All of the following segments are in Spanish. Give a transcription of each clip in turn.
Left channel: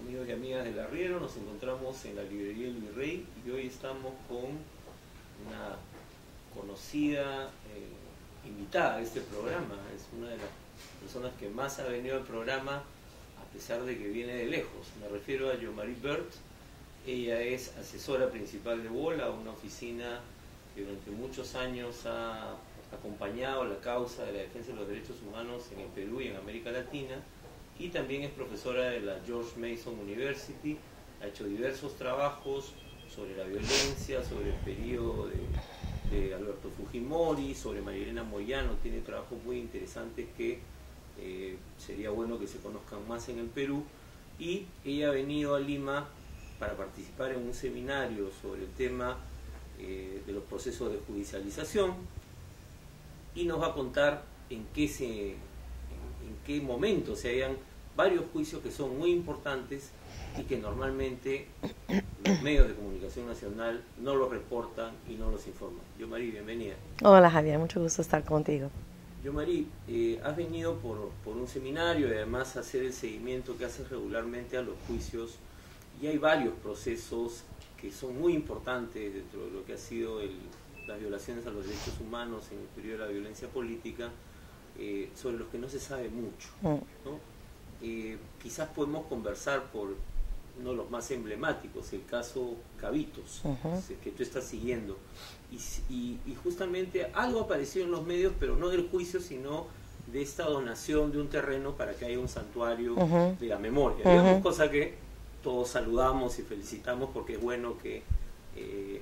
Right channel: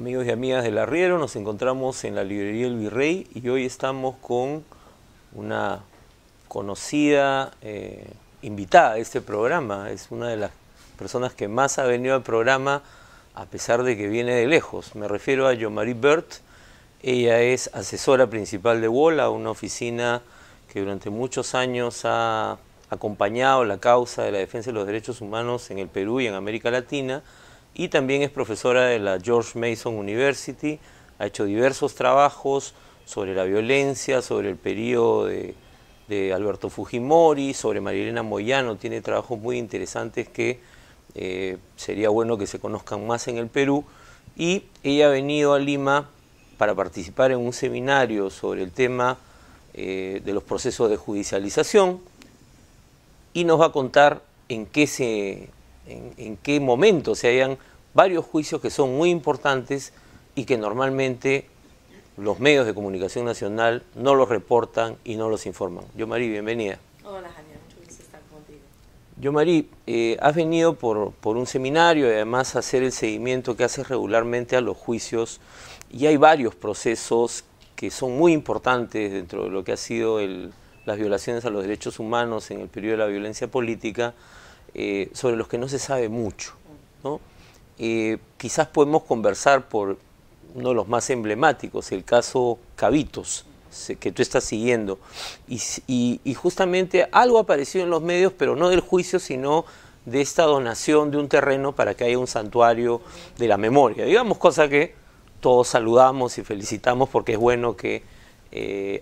Amigos y amigas del Arriero, nos encontramos en la librería El Virrey y hoy estamos con una conocida invitada de este programa. Es una de las personas que más ha venido al programa a pesar de que viene de lejos. Me refiero a Jean-Marie Bert. Ella es asesora principal de WOLA, una oficina que durante muchos años ha acompañado la causa de la defensa de los derechos humanos en el Perú y en América Latina. Y también es profesora de la George Mason University, ha hecho diversos trabajos sobre la violencia, sobre el periodo de Alberto Fujimori, sobre Marilena Moyano, tiene trabajos muy interesantes que sería bueno que se conozcan más en el Perú. Y ella ha venido a Lima para participar en un seminario sobre el tema de los procesos de judicialización y nos va a contar en qué momento se hallan varios juicios que son muy importantes y que normalmente los medios de comunicación nacional no los reportan y no los informan. Jean-Marie, bienvenida. Hola Javier, mucho gusto estar contigo. Jean-Marie, has venido por un seminario y además a hacer el seguimiento que haces regularmente a los juicios y hay varios procesos que son muy importantes dentro de lo que ha sido las violaciones a los derechos humanos en el periodo de la violencia política, sobre los que no se sabe mucho, ¿no? Quizás podemos conversar por uno de los más emblemáticos, el caso Cabitos, que tú estás siguiendo. Y justamente algo apareció en los medios, pero no del juicio, sino de esta donación de un terreno para que haya un santuario de la memoria. Digamos, cosa que todos saludamos y felicitamos porque es bueno que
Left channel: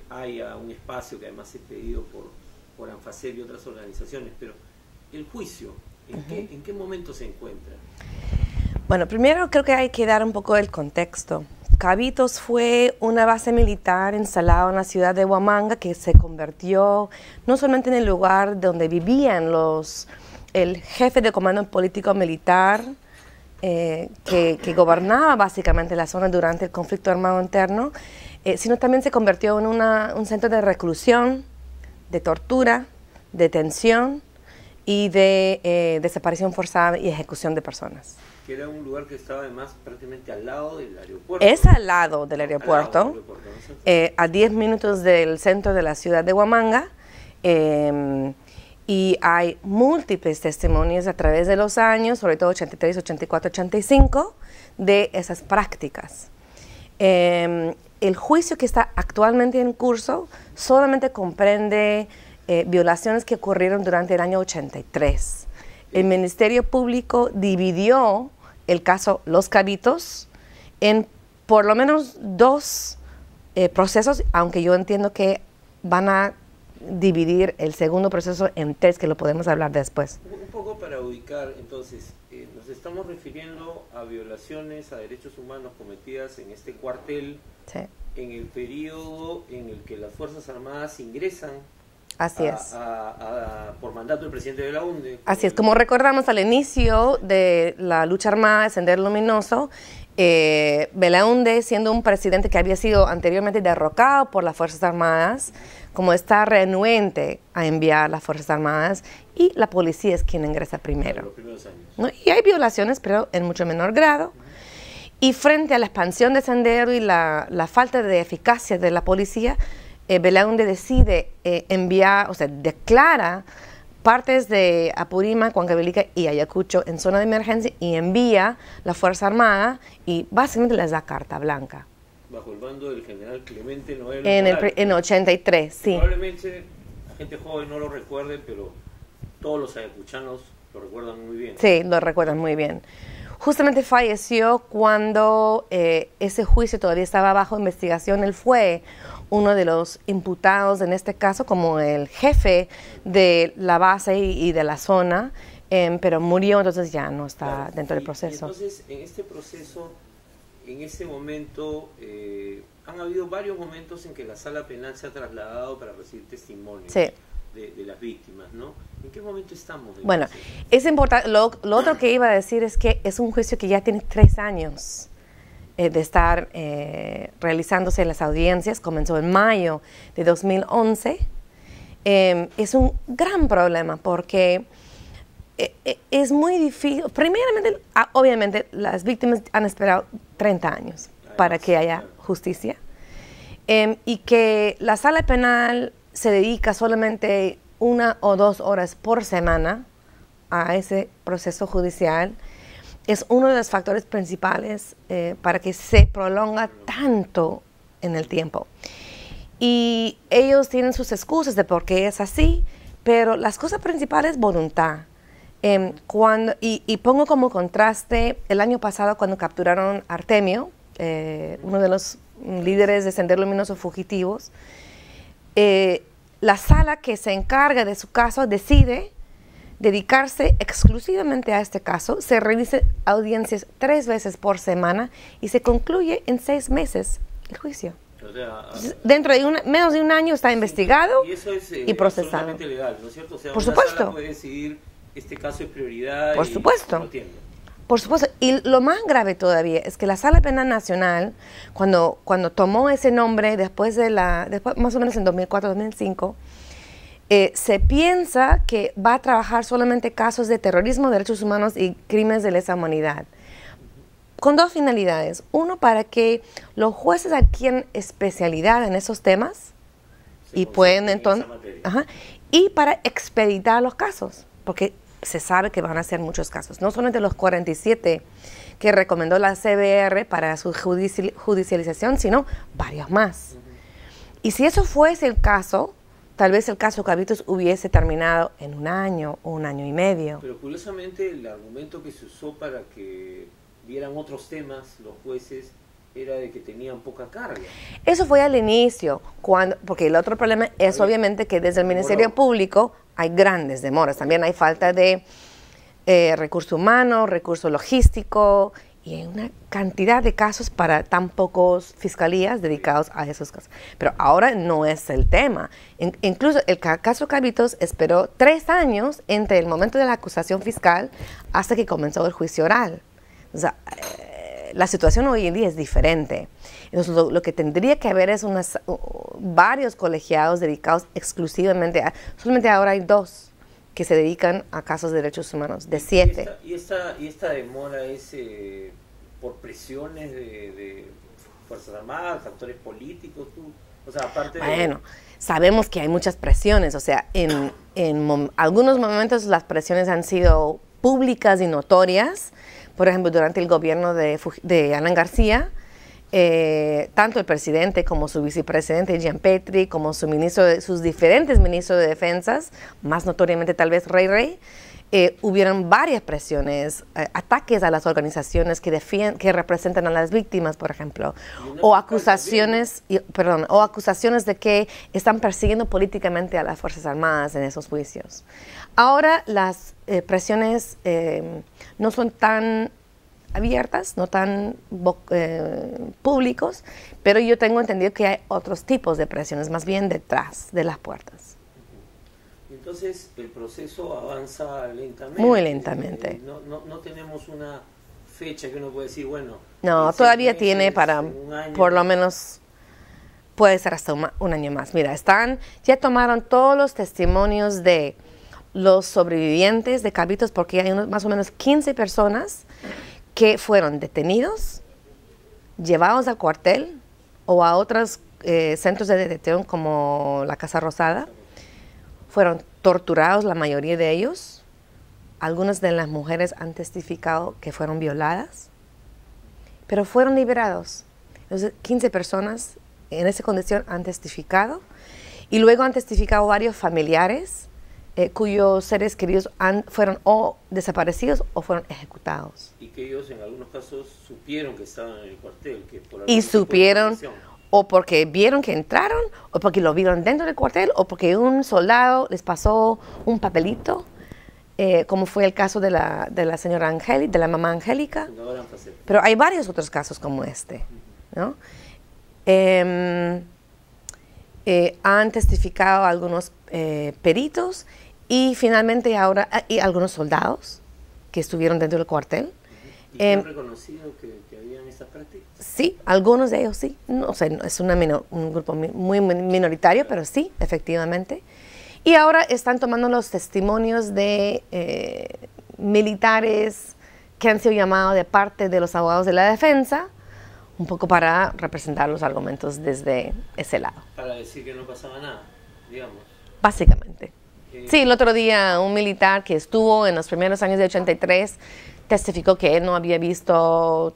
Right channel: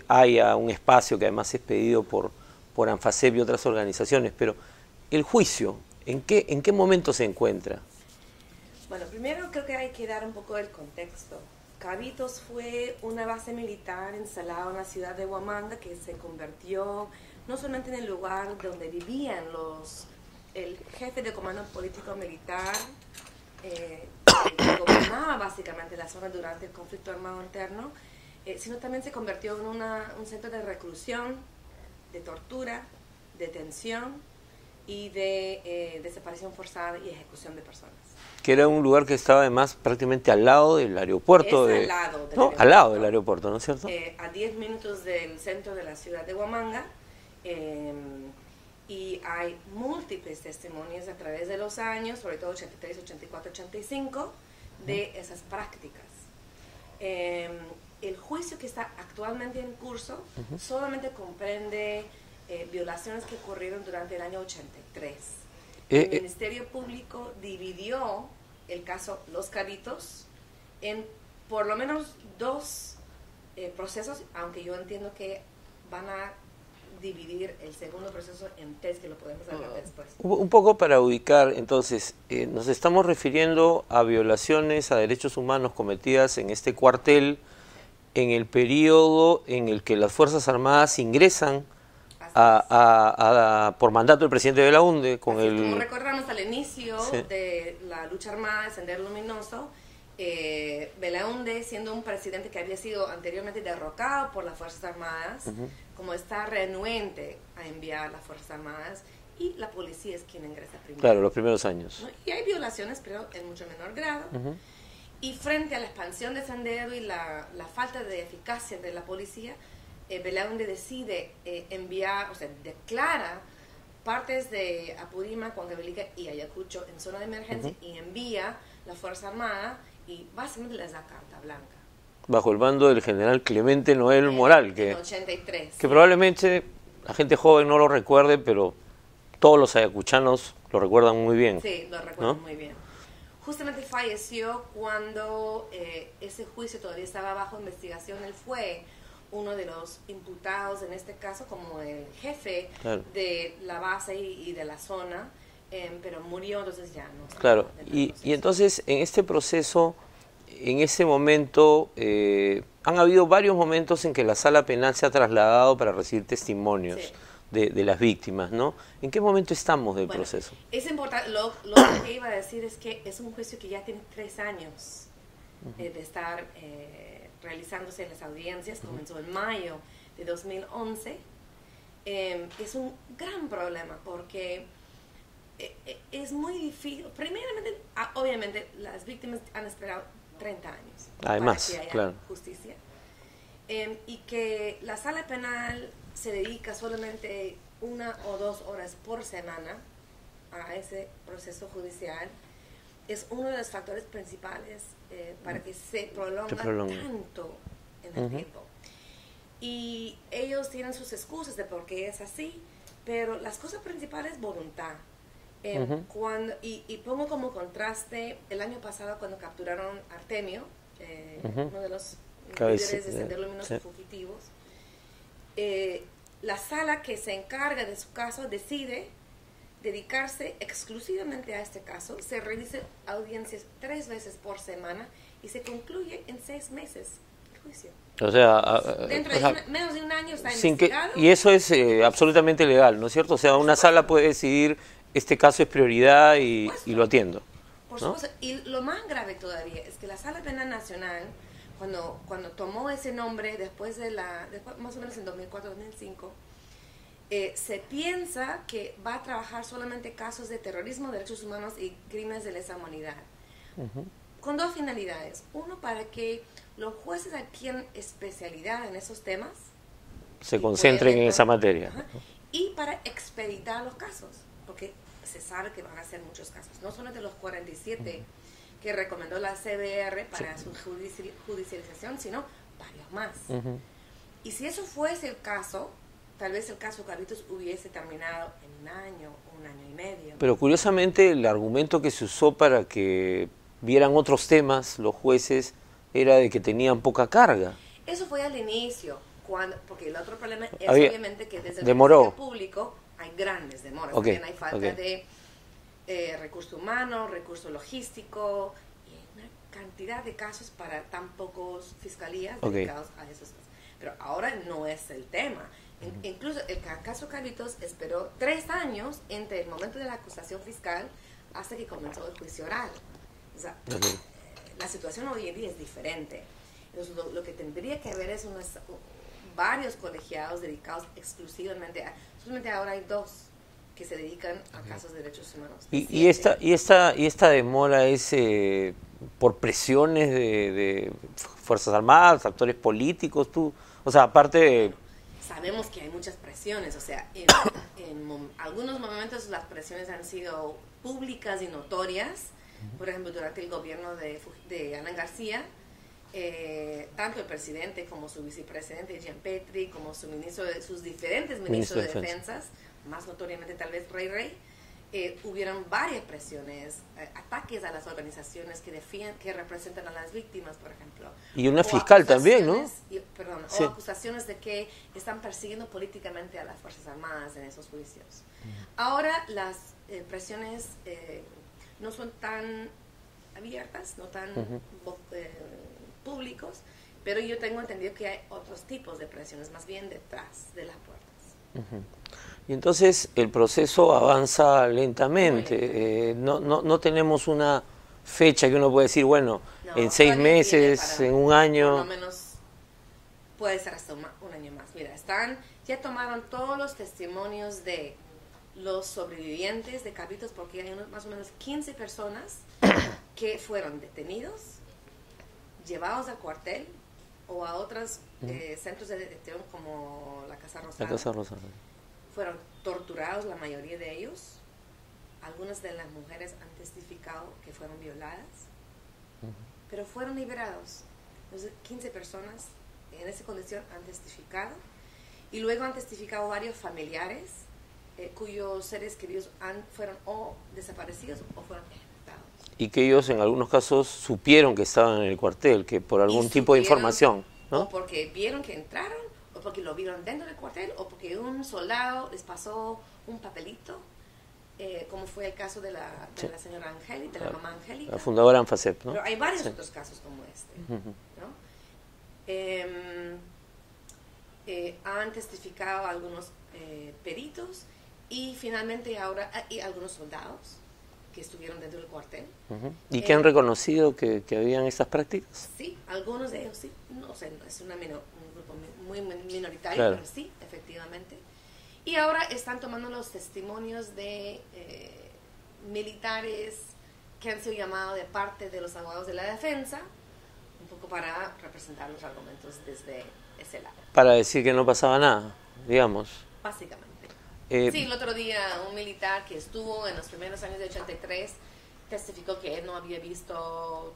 haya un espacio que además es pedido por ANFACEP y otras organizaciones. Pero el juicio, ¿en qué momento se encuentra? Bueno, primero creo que hay que dar un poco el contexto. Cabitos fue una base militar instalada en la ciudad de Huamanga que se convirtió no solamente en el lugar donde vivían el jefe de comando político militar que gobernaba básicamente la zona durante el conflicto armado interno, sino también se convirtió en un centro de reclusión, de tortura, detención y de desaparición forzada y ejecución de personas. Que era un lugar que estaba además prácticamente al lado del aeropuerto. Al lado del aeropuerto. Al lado del aeropuerto, ¿no es cierto? A 10 minutos del centro de la ciudad de Huamanga. Y hay múltiples testimonios a través de los años, sobre todo 83, 84, 85, de esas prácticas. El juicio que está actualmente en curso solamente comprende violaciones que ocurrieron durante el año 83. El Ministerio Público dividió el caso Los Cabitos en por lo menos dos procesos, aunque yo entiendo que van a dividir el segundo proceso en tres, que lo podemos hablar después. Un poco para ubicar, entonces, nos estamos refiriendo a violaciones a derechos humanos cometidas en este cuartel, sí, en el periodo en el que las Fuerzas Armadas ingresan por mandato del presidente Belaúnde. Así es, como recordamos al inicio de la lucha armada de Sendero Luminoso, Belaúnde, siendo un presidente que había sido anteriormente derrocado por las Fuerzas Armadas, como está renuente a enviar las Fuerzas Armadas, y la policía es quien ingresa primero. Claro, los primeros años. ¿No? Y hay violaciones, pero en mucho menor grado. Y frente a la expansión de Sendero y la falta de eficacia de la policía, Belaúnde decide enviar, o sea, declara partes de Apurímac, Huancavelica y Ayacucho en zona de emergencia y envía la Fuerza Armada y básicamente les da carta blanca. Bajo el mando del general Clemente Noel Morán. En 83, que probablemente la gente joven no lo recuerde, pero todos los ayacuchanos lo recuerdan muy bien. Sí, lo recuerdan muy bien. Justamente falleció cuando ese juicio todavía estaba bajo investigación. Él fue uno de los imputados en este caso como el jefe de la base y de la zona, pero murió, entonces ya no estaba dentro del proceso. Y entonces en este proceso, en ese momento, han habido varios momentos en que la sala penal se ha trasladado para recibir testimonios de las víctimas, ¿no? ¿En qué momento estamos del proceso? Es importante, lo otro que iba a decir es que es un juicio que ya tiene 3 años. De estar realizándose en las audiencias, comenzó en mayo de 2011. Es un gran problema porque es muy difícil. Primeramente, obviamente, las víctimas han esperado 30 años para que haya justicia. Y que la sala penal se dedica solamente 1 o 2 horas por semana a ese proceso judicial es uno de los factores principales para que se prolonga tanto en el tiempo. Y ellos tienen sus excusas de por qué es así, pero las cosas principales es voluntad. Y pongo como contraste el año pasado cuando capturaron a Artemio, uno de los líderes de Sendero Luminoso fugitivos. La sala que se encarga de su caso decide dedicarse exclusivamente a este caso. Se realiza audiencias 3 veces por semana y se concluye en 6 meses el juicio. O sea, dentro de menos de un año está investigado. Y eso es absolutamente legal, ¿no es cierto? O sea, una sala puede decidir, este caso es prioridad y lo atiendo. Por supuesto. Y lo más grave todavía es que la Sala Penal Nacional, cuando tomó ese nombre después más o menos en 2004-2005, se piensa que va a trabajar solamente casos de terrorismo, derechos humanos y crímenes de lesa humanidad. Con 2 finalidades. Uno, para que los jueces adquieran especialidad en esos temas. Se concentren en esa materia. Y para expeditar los casos, porque se sabe que van a ser muchos casos. No solamente los 47 que recomendó la CBR para su judicialización, sino varios más. Y si eso fuese el caso, tal vez el caso Cabitos hubiese terminado en 1 año o 1 año y medio. Pero curiosamente el argumento que se usó para que vieran otros temas los jueces era de que tenían poca carga. Eso fue al inicio, porque el otro problema es obviamente que desde el Ministerio Público hay grandes demoras. También hay falta de recurso humano, recurso logístico y hay una cantidad de casos para tan pocos fiscalías dedicados a esos casos. Pero ahora no es el tema. Incluso el caso Cabitos esperó 3 años entre el momento de la acusación fiscal hasta que comenzó el juicio oral. O sea, la situación hoy en día es diferente. Entonces, lo que tendría que haber es varios colegiados dedicados exclusivamente solamente ahora hay 2 que se dedican a casos de derechos humanos, de 7. ¿Y esta demora es por presiones de Fuerzas Armadas, actores políticos? O sea, aparte de... Bueno, sabemos que hay muchas presiones. O sea, en algunos momentos las presiones han sido públicas y notorias. Por ejemplo, durante el gobierno de Alan García, tanto el presidente como su vicepresidente Jean Petri, como sus diferentes ministros de defensas, más notoriamente tal vez Rey, hubieron varias presiones, ataques a las organizaciones que representan a las víctimas, por ejemplo. Y una fiscal acusaciones, también, ¿no? o acusaciones de que están persiguiendo políticamente a las Fuerzas Armadas en esos juicios. Ahora las presiones no son tan abiertas, no tan públicos, pero yo tengo entendido que hay otros tipos de presiones, más bien detrás de las puertas. Y entonces el proceso avanza lentamente. Muy lentamente. No tenemos una fecha que uno puede decir, bueno, en 6 todavía meses, tiene para en 1 año. Por lo menos puede ser hasta 1 año más. Mira, ya tomaron todos los testimonios de los sobrevivientes de Cabitos, porque hay más o menos 15 personas que fueron detenidos, llevados al cuartel o a otros centros de detención como la Casa Rosada. Fueron torturados, la mayoría de ellos. Algunas de las mujeres han testificado que fueron violadas, pero fueron liberados. Entonces, 15 personas en esa condición han testificado y luego han testificado varios familiares cuyos seres queridos fueron o desaparecidos o fueron ejecutados. Y que ellos en algunos casos supieron que estaban en el cuartel, que por algún tipo de información, ¿no? O porque vieron que entraron, o porque lo vieron dentro del cuartel, o porque un soldado les pasó un papelito, como fue el caso de la señora Angélica, de la mamá Angélica. La fundadora ANFACEP, ¿no? Pero hay varios otros casos como este, ¿no? Han testificado algunos peritos y finalmente ahora y algunos soldados que estuvieron dentro del cuartel. ¿Y que han reconocido que habían estas prácticas? Sí, algunos de ellos sí. No, o sea, es un grupo muy minoritario, claro, pero sí, efectivamente. Y ahora están tomando los testimonios de militares que han sido llamados de parte de los abogados de la defensa, un poco para representar los argumentos desde ese lado. Para decir que no pasaba nada, digamos. Básicamente. Sí, el otro día un militar que estuvo en los primeros años de 83 testificó que él no había visto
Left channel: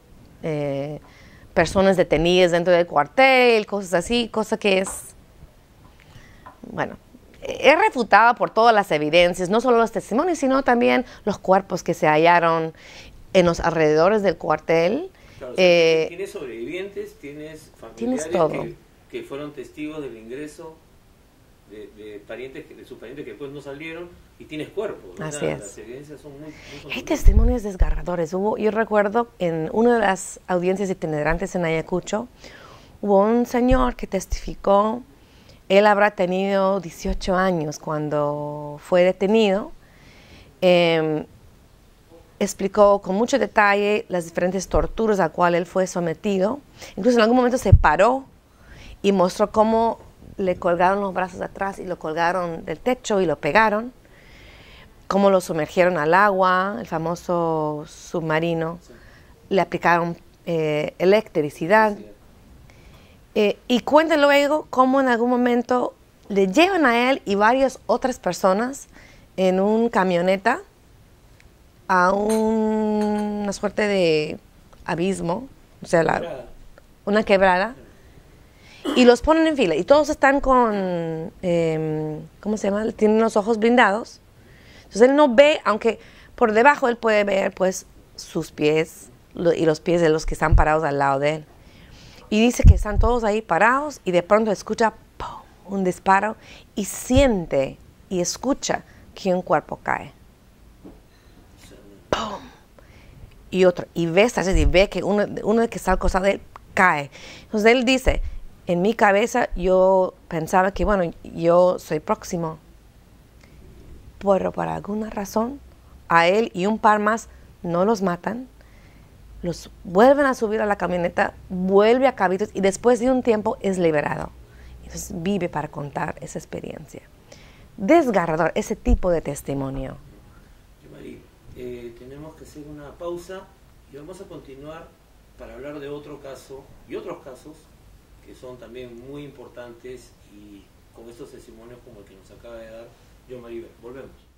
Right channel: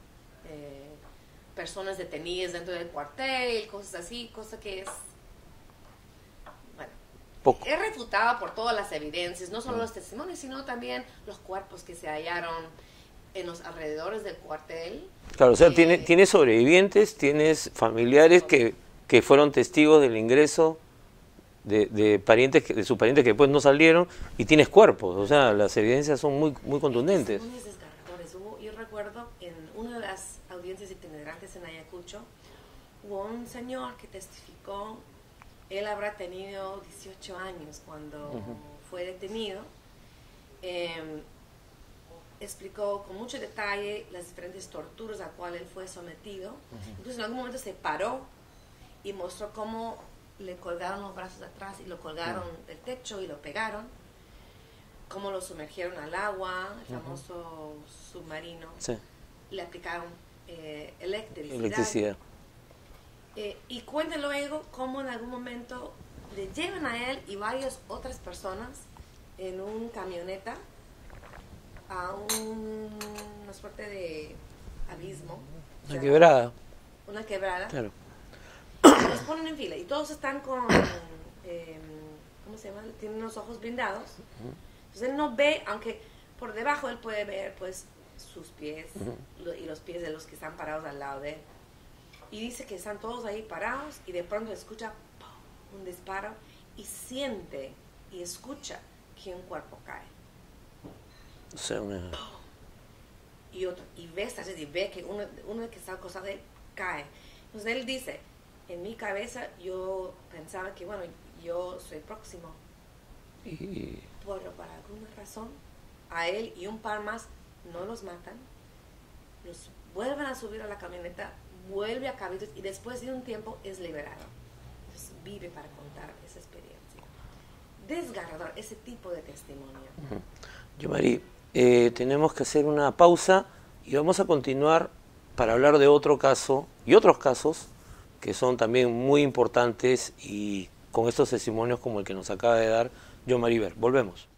personas detenidas dentro del cuartel, cosas así, cosa que es, bueno, es refutada por todas las evidencias, no solo los testimonios, sino también los cuerpos que se hallaron en los alrededores del cuartel. Claro, o sea, tienes sobrevivientes, tienes familiares que fueron testigos del ingreso de parientes, de sus parientes que después no salieron, y tienes cuerpos. O sea, las evidencias son muy contundentes. Hay testimonios desgarradores. Yo recuerdo en una de las audiencias itinerantes en Ayacucho, hubo un señor que testificó. Él habrá tenido 18 años cuando fue detenido. Explicó con mucho detalle las diferentes torturas a las cuales él fue sometido. Incluso en algún momento se paró y mostró cómo le colgaron los brazos atrás y lo colgaron del techo y lo pegaron. Cómo lo sumergieron al agua, el famoso submarino. Sí. Le aplicaron electricidad. Y cuenta luego cómo en algún momento le llevan a él y varias otras personas en un camioneta a una suerte de abismo, o sea, una quebrada, claro. Y los ponen en fila y todos están con, ¿cómo se llama? Tienen los ojos blindados. Entonces él no ve, aunque por debajo él puede ver pues sus pies y los pies de los que están parados al lado de él. Y dice que están todos ahí parados y de pronto escucha ¡pum!, un disparo y siente y escucha que un cuerpo cae. O sea, ¡pum! Y otro, y ve que uno que está al costado de él cae. Entonces él dice, en mi cabeza yo pensaba que, bueno, yo soy próximo. Pero por alguna razón, a él y un par más no los matan. Los vuelven a subir a la camioneta, vuelve a Cabitos y después de un tiempo es liberado. Entonces vive para contar esa experiencia. Desgarrador, ese tipo de testimonio. Yomari, tenemos que hacer una pausa y vamos a continuar para hablar de otro caso y otros casos que son también muy importantes y con estos testimonios como el que nos acaba de dar Yomari Ver. Volvemos.